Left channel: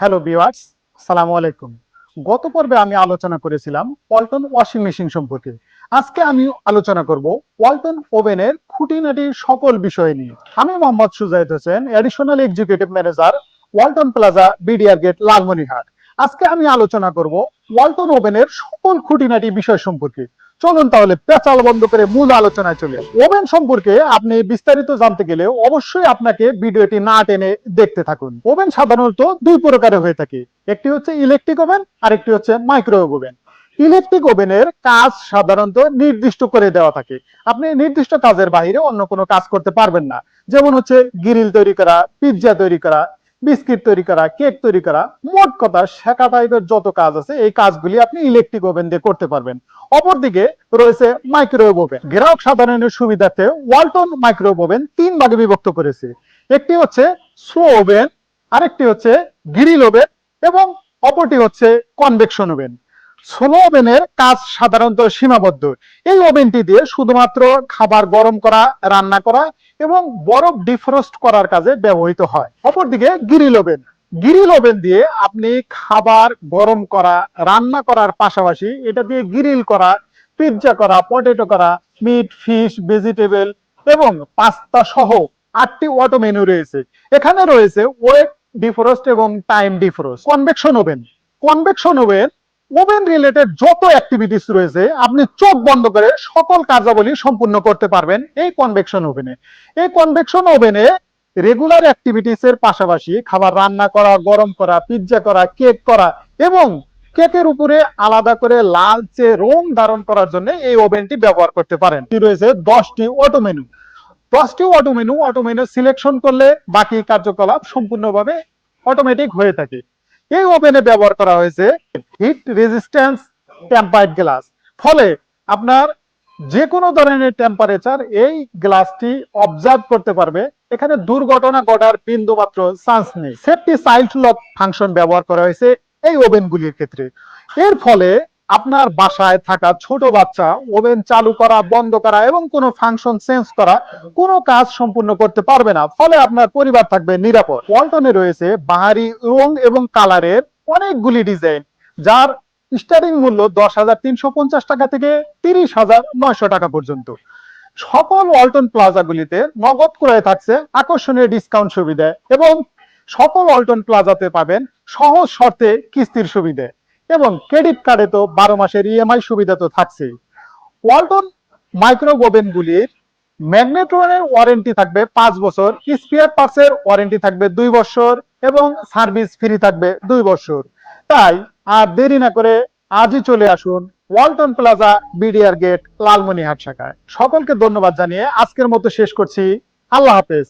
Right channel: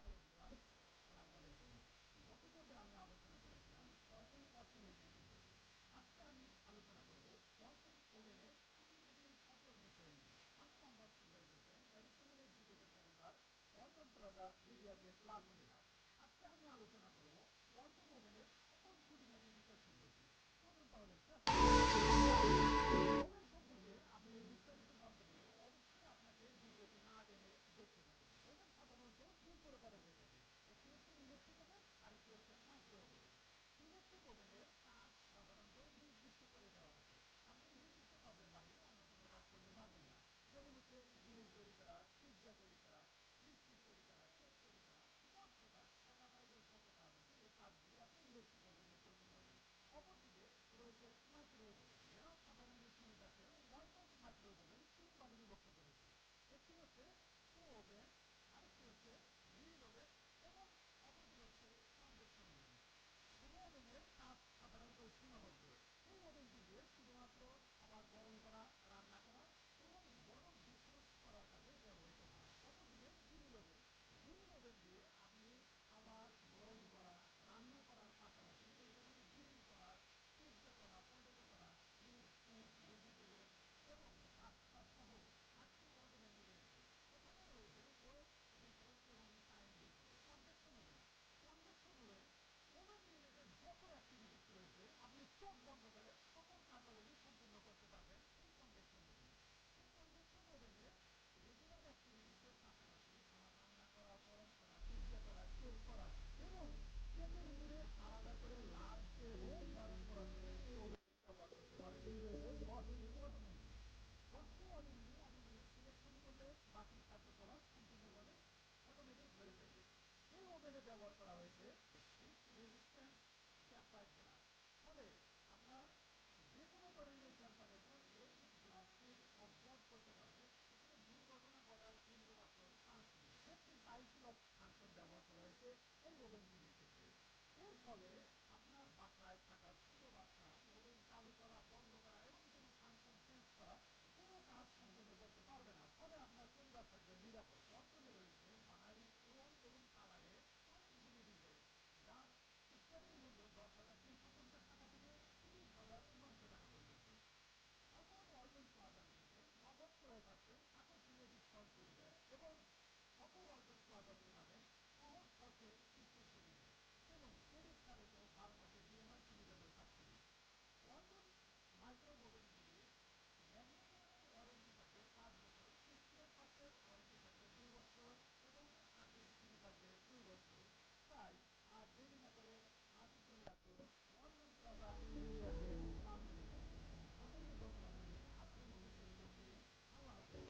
Hello viewers, আসসালামু আলাইকুম। গত পর্বে আমি আলোচনা করেছিলাম ওয়ালটন ওয়াশিং মেশিন সম্পর্কে। আজকে আমি আলোচনা করব ওয়ালটন ওভেনের খুঁটিনাটি সকল বিষয় নিয়ে। আমি Mohammad Sujaid Hossain, additional executive manager, Walton plaza, BDR gate, Lalmonirhat. আজকে আমি আলোচনা করব ওয়ালটন ওভেনের সকল খুঁটিনাটি বিষয় সম্পর্কে। চলুন তাহলে পেঁচাল বন্ধ করে মূল আলোচনায় চলে আসি। ওভেন সম্পর্কে আপনি বিস্তারিত জানতে গেলে অবশ্যই আপনাকে ভিডিওটি না টেনে দেখতে থাকুন। ওভেন সাধারণত দুই প্রকারের হয়ে থাকে, একটি হচ্ছে ইলেকট্রিক ওভেন আর একটি হচ্ছে মাইক্রোওয়েভ ওভেন। ইলেকট্রিক ওভেনের কাজ সাধারণত নির্দিষ্ট করে দেওয়া থাকে, আপনি নির্দিষ্ট কাজের বাইরে অন্য কোনো কাজ করতে পারবেন না। যেমন হচ্ছে গ্রিল তৈরি করা, পিৎজা তৈরি করা, বিস্কিট তৈরি করা, কেক তৈরি করা, মোট কথা শেখা টাইপের যত কাজ আছে এই কাজগুলি আপনি ইলেকট্রিক ওভেন দিয়ে করতে পারবেন। অপরদিকে রয়েছে মাইক্রোওয়েভ ওভেন। গ্রাহক সাধারণের সুবিধার্থে ওয়ালটন মাইক্রোওয়েভ ওভেন তিন ভাগে বিভক্ত করেছে। একটি হচ্ছে স্লো ওভেন, আরেকটি হচ্ছে গ্রিল ওভেন এবং অপরটি হচ্ছে কনভেকশন ওভেন। স্লো ওভেনের কাজ সাধারণত সীমাবদ্ধ। এই ওভেনটি দিয়ে শুধুমাত্র খাবার গরম করা, রান্না করা এবং বরফ ডিফ্রস্ট করার কাজে ব্যবহৃত হয়। অপরদিকে গ্রিল ওভেন, গ্রিল ওভেন দিয়ে আপনি খাবার গরম করা, রান্না করার পাশাপাশি এটা দিয়ে গ্রিল করা, পিৎজা করা, পটেটো করা, মিট, ফিশ, ভেজিটেবল এবং পাস্তা সহ 8টি অটো মেনু রয়েছে। এখানে রয়েছে ওয়েট ডিফ্রস্ট এবং time defrost. Convection oven, convection oven oven related যত অ্যাক্টিভিটিস রয়েছে আপনি চোখ বন্ধ করে সকল কার্যাবলী সম্পূর্ণ করতে পারবেন এই কনভেকশন ওভেনে। এই কনভেকশন ওভেনে রেগুলার অ্যাক্টিভিটিস এর পাশাপাশি খাবার রান্না করা, গরম করা, পিৎজা করা, কেক করা এবং কেকের উপরে আলাদা করে লালচে রং ধারণ করার জন্য এই ওভেনটি ব্যবহার করতে পারেন। রয়েছে 10টি অটো মেনু। 10টি অটো মেনু সিলেকশন করলে বাকি কার্যকলাপ সম্পূর্ণভাবে অটোমেটিক হয়ে থাকে। এই ওভেনে ব্যবহার করা হয়েছে হিট রেজিস্ট্যান্স টেম্পারড গ্লাস। ফলে আপনার যে কোনো ধরনের টেম্পারেচার এই গ্লাসটি অবজার্ভ করতে পারবে, এখানে দুর্ঘটনা ঘটার বিন্দু মাত্র চান্স নেই। সেফটি চাইল্ড লক ফাংশন ব্যবহার করা হয়েছে এই ওভেনগুলির ক্ষেত্রে। এর ফলে আপনার বাসায় থাকা ছোট বাচ্চা ওভেন চালু করা, বন্ধ করা এবং কোনো ফাংশন চেঞ্জ করা কোনো কাজ সম্পূর্ণ করতে পারবে না। ফলে আপনার পরিবার থাকবে নিরাপদ। ওয়ালটনে রয়েছে বাহারি রং এবং কালারের অনেকগুলি ডিজাইন, যার স্টার্টিং মূল্য 10,350 টাকা থেকে 30,900 টাকা পর্যন্ত। সকল ওয়ালটন প্লাজাগুলিতে নগদ ক্রয়ে থাকছে আকর্ষণীয় ডিসকাউন্ট সুবিধা এবং সকল ওয়ালটন প্লাজাতে পাবেন সহজ শর্তে কিস্তির সুবিধা এবং ক্রেডিট কার্ডে তো 12 মাসের ইএমআই সুবিধা তো থাকছেই। ওয়ালটন মাইক্রো ওভেন গুলির ম্যাগনেট্রনের ওয়ারেন্টি থাকবে 5 বছর, স্পেয়ার পার্টসের ওয়ারেন্টি থাকবে 2 বছর এবং সার্ভিস ফ্রি থাকবে 2 বছর। তাই আর দেরি না করে আজই চলে আসুন Walton plaza, BDR gate, Lalmonirhat শাখায়। সকলকে ধন্যবাদ জানিয়ে আজকের মতো শেষ করছি। আল্লাহ হাফেজ।